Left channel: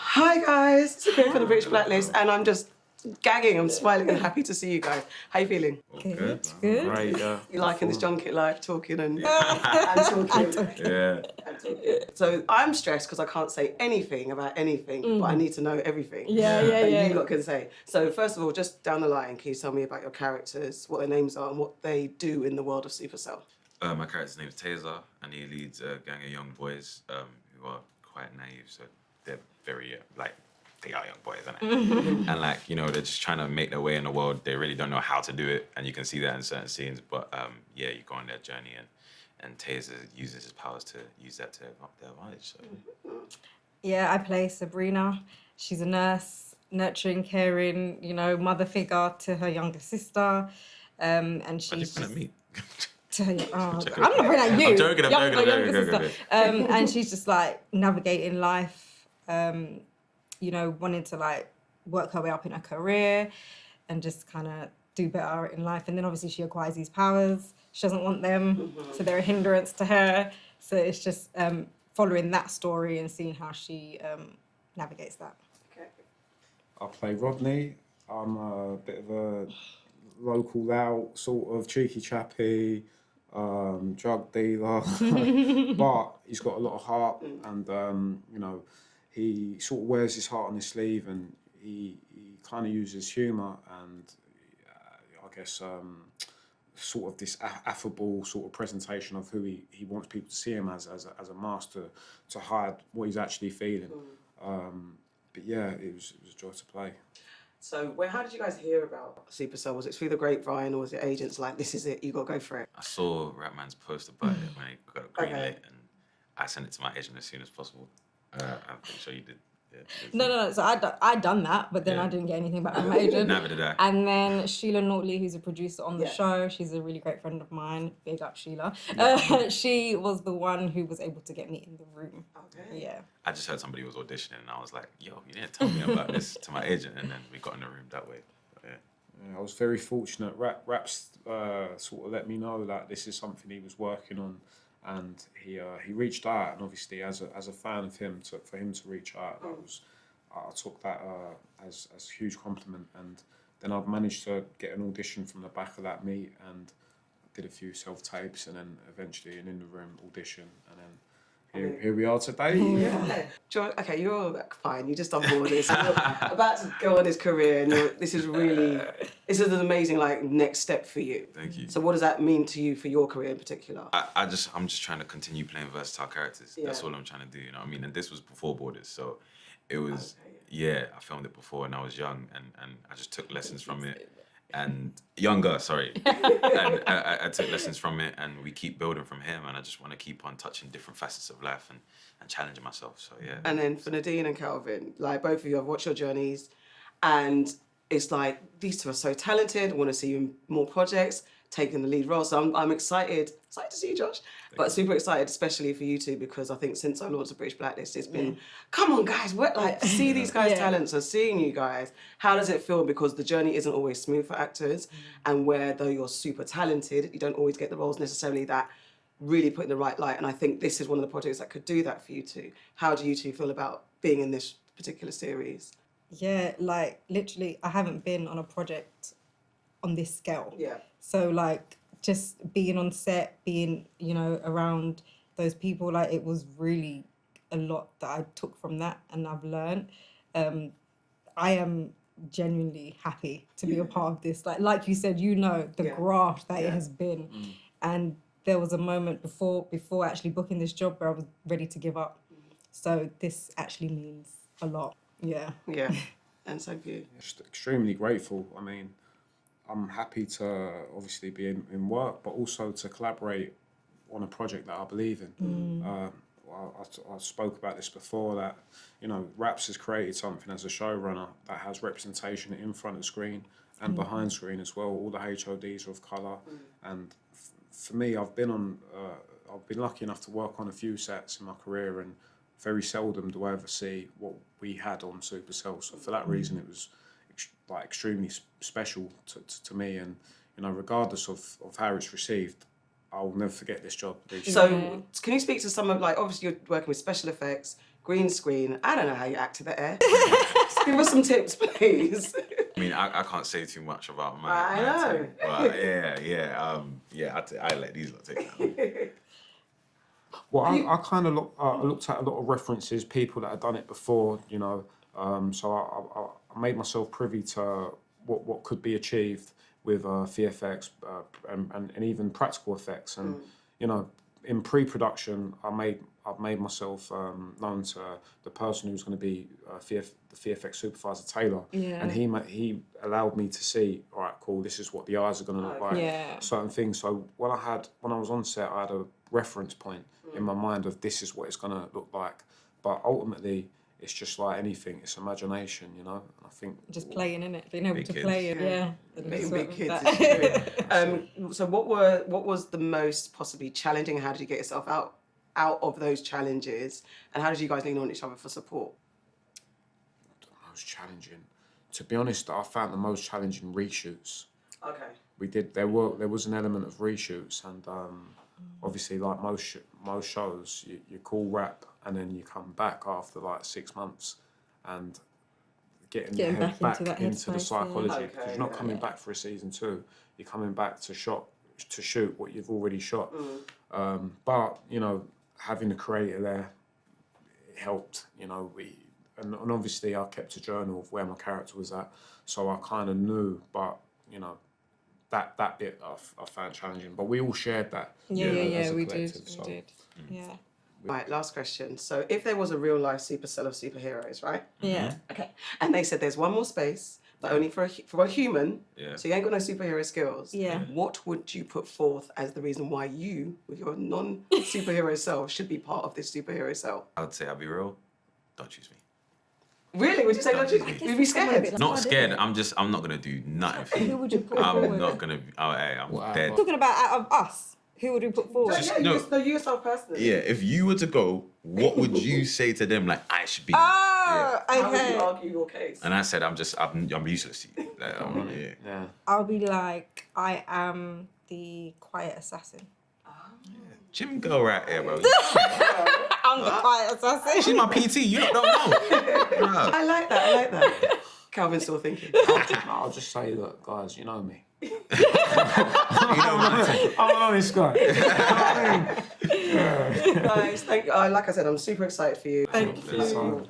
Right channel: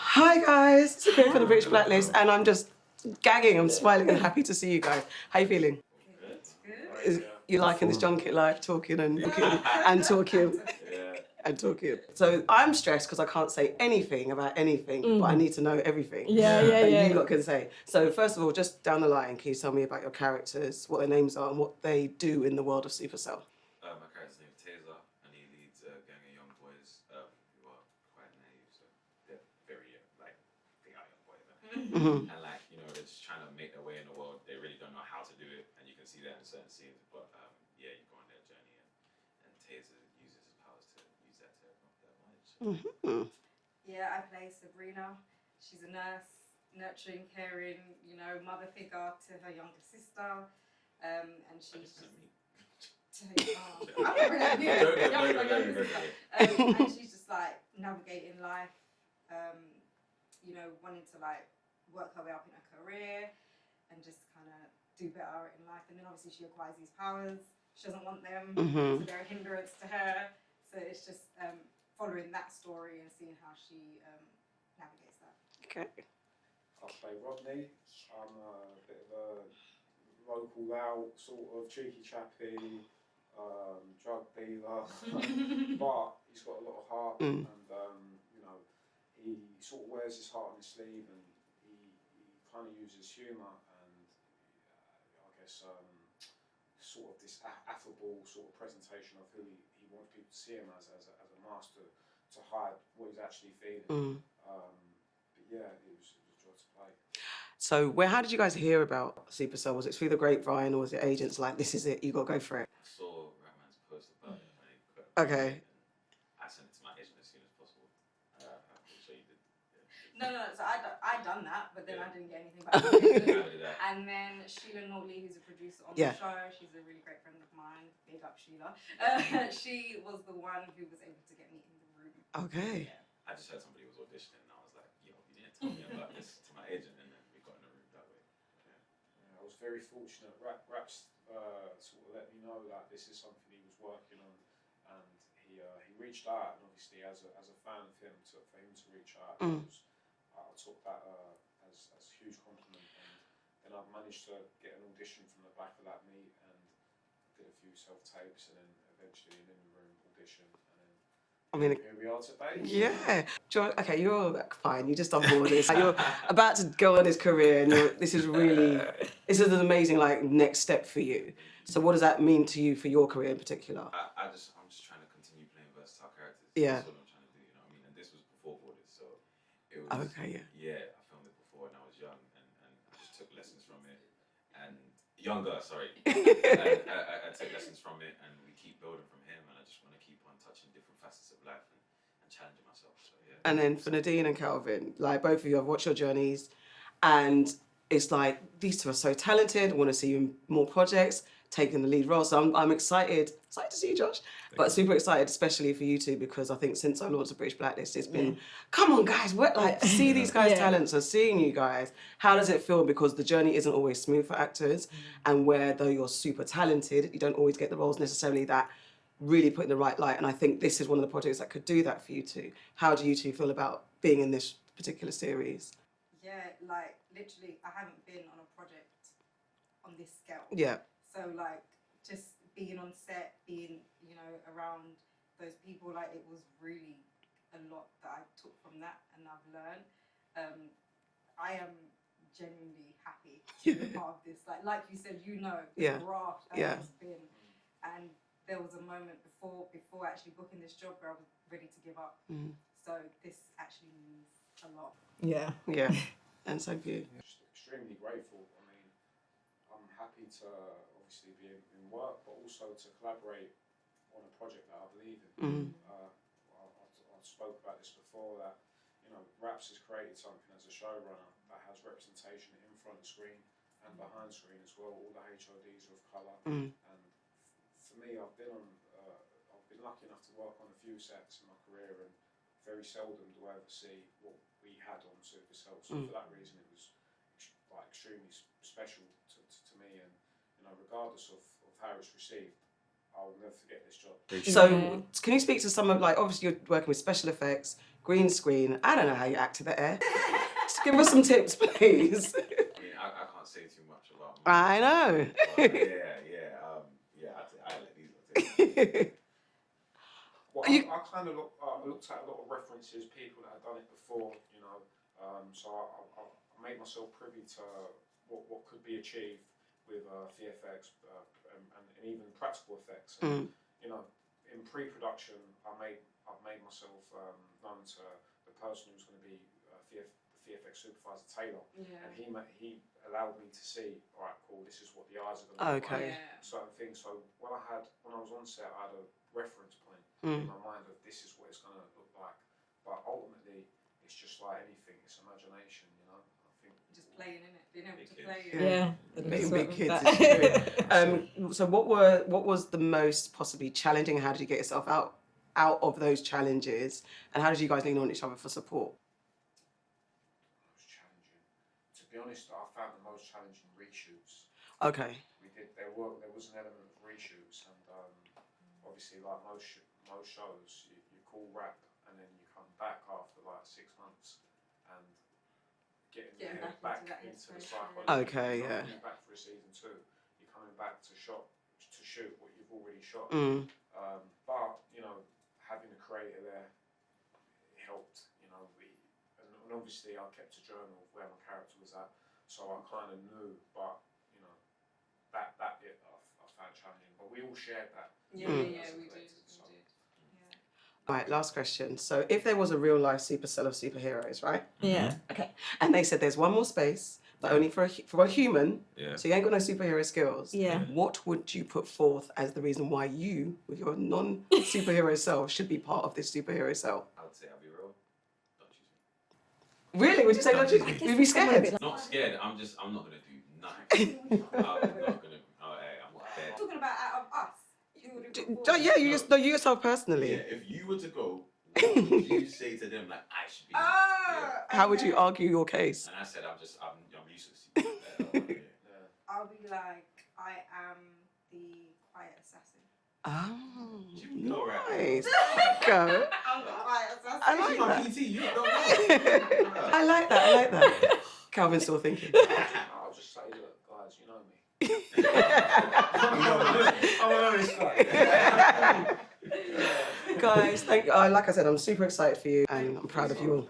Hi guys, it's Sabrina from the British Blacklist, and I'm just gagging, I'm smiling and happy to see you guys. How you feeling? Good. Right, You liking this junket life, talking and talking and talking. So I'm stressed because I can't say anything about anything, but I need to know everything that you lot can say. So first of all, just down the line, can you tell me about your characters, what their names are and what they do in the world of Supercell? My character's name is Tazer, and he leads a gang of young boys who are quite naive, so they're very, they are young boys, isn't it? And they're just trying to make their way in the world. They really don't know how to do it, and you can see that in certain scenes. But you go on their journey, and Tazer uses his powers to use that to their advantage. So. Yeah, I play Sabrina. She's a nurse, nurturing, caring, mother figure to her younger sister. And she's Why'd you point at me? I'm not bringing at you. I'm joking. And she's just navigating life, wanting to work her way up in her career and just kind of do better in life. And then obviously she acquires these powers. She doesn't want them, so they're a hindrance to her. So it's just following that story and seeing how she navigates that. Okay. I play Rodney. I'm a bit of a local lout, sort of cheeky chappy, drug dealer, but he's got a lot of heart, and he sort of wears his heart on his sleeve, and he kind of uses humour and I guess sort of this affable sort of presentation of who he wants people to see him as a master to hide what he's actually feeling. But yeah, it was a joy to play. So how did you guys hear about Supercell? Was it through the grapevine or was it agents like, this is it, you got to go for it? I saw Rapman's post about it when he got a green light, and I sent it to my agent as soon as possible. I'm pretty sure you did. Yeah, No. So I'd done that, but then I didn't get anything back from my agent. Neither did I. And then Sheila Naughtley, who's a producer on the show, she's a really great friend of mine. Big up, Sheila. She was the one who was able to get me in the room. Okay. Yeah. I just heard somebody was auditioning, and I was like, "Yo, you didn't tell me about this," to my agent, and then we got in the room that way. I was very fortunate. Raps sort of let me know that this is something he was working on, and he reached out, and obviously as a fan of him, for him to reach out, I took that as a huge compliment, and then I've managed to get an audition from the back of that meet, and did a few self-tapes, and then eventually an in-the-room audition, and then here we are today. Yeah. Okay, you're fine. You just done all this. You're about to go on this career, and this is an amazing next step for you. Thank you. So what does that mean to you for your career in particular? I'm just trying to continue playing versatile characters. Yeah. That's all I'm trying to do. You know what I mean? And this was before Borders, so it was. Okay, I filmed it before, and I was young, and I just took lessons from it. And younger, sorry. And I took lessons from it, and we keep building from him, and I just want to keep on touching different facets of life and challenging myself, so yeah. And then for Nadine and Calvin, both of you, I've watched your journeys, and it's these two are so talented, I want to see you in more projects, taking the lead role, so I'm excited to see you, Josh, but super excited, especially for you two, because I think since I launched the British Blacklist, it's been, come on guys, see these guys' talents, so seeing you guys, how does it feel? Because the journey isn't always smooth for actors, and where though you're super talented, you don't always get the roles necessarily that really put in the right light, and I think this is one of the projects that could do that for you two. How do you two feel about being in this particular series? Yeah, literally, I haven't been on a project on this scale. Yeah. So just being on set, being, around those people, it was really a lot that I took from that, and I've learned. I am genuinely happy to be a part of this. Like you said, the graft that it has been. And there was a moment before actually booking this job where I was ready to give up. So this actually means a lot. Yeah. Yeah. And so for you? Just extremely grateful. I mean, I'm happy to obviously be in work, but also to collaborate on a project that I believe in. I spoke about this before, that Raps has created something as a showrunner that has representation in front of screen and behind screen as well. All the HODs are of colour, and for me, I've been lucky enough to work on a few sets in my career, and very seldom do I ever see what we had on Supacell. So for that reason, it was extremely special to me, and regardless of how it's received, I'll never forget this job. So, can you speak to some of, like, obviously you're working with special effects, green screen. I don't know how you act to the air. Just give us some tips, please. I mean, I can't say too much about my. I know. team, but I let these lot take it. Well, I kind of looked at a lot of references, people that had done it before, you know. So I made myself privy to what could be achieved with VFX and even practical effects. And you know, in pre-production, I've made myself known to the person who's going to be the VFX supervisor, Taylor, and he allowed me to see, all right, cool, this is what the eyes are going to look like, certain things. So when I was on set, I had a reference point in my mind of this is what it's going to look like. But ultimately, it's just like anything, it's imagination, you know. I think just playing in it, being able to kids. play it. Being big kids is true. So what was the most possibly challenging? How did you get yourself out of those challenges, and how did you guys lean on each other for support? the most challenging, to be honest, I found the most challenging reshoots. Okay. There was an element of reshoots, and obviously, like most shows, you call wrap and then you come back after like 6 months, and getting your head back into the psychology. Okay, You're not coming back for a season 2. You're coming back to shoot what you've already shot. But you know, having the creator there, it helped. You know, and obviously I kept a journal of where my character was at, so I kind of knew. But you know, that bit I found challenging. But we all shared that. We did. Yeah. Right, last question. So if there was a real life Supercell of superheroes, right? Yeah. Okay. And they said there's one more space, but only for a human. Yeah. So you ain't got no superhero skills. Yeah. What would you put forth as the reason why you, with your non-superhero self, should be part of this superhero cell? I would say, I'll be real. Don't choose me. Really? Would you say Don't don't? choose me. You'd be scared. Not scared. I'm not gonna do nothing. For Who you. would you put I'm forward? not gonna. I'm dead. Talking about out of us, who would you put forward? Yeah, you No. you yourself personally. Yeah. If you were to go, what would you say to them? Like, I should be. Oh, How would okay. you argue your case? And I said, I'm useless to you. Like, Yeah. I'll be like, I am the quiet assassin. Oh. Jim go right here, bro. I'm the quiet assassin. She's my PT. You don't know. I like that. Calvin's still thinking. I'll just say, look, guys, you know me. I'm an honest guy. Guys, like I said, I'm super excited for you. Thank I'm proud of you.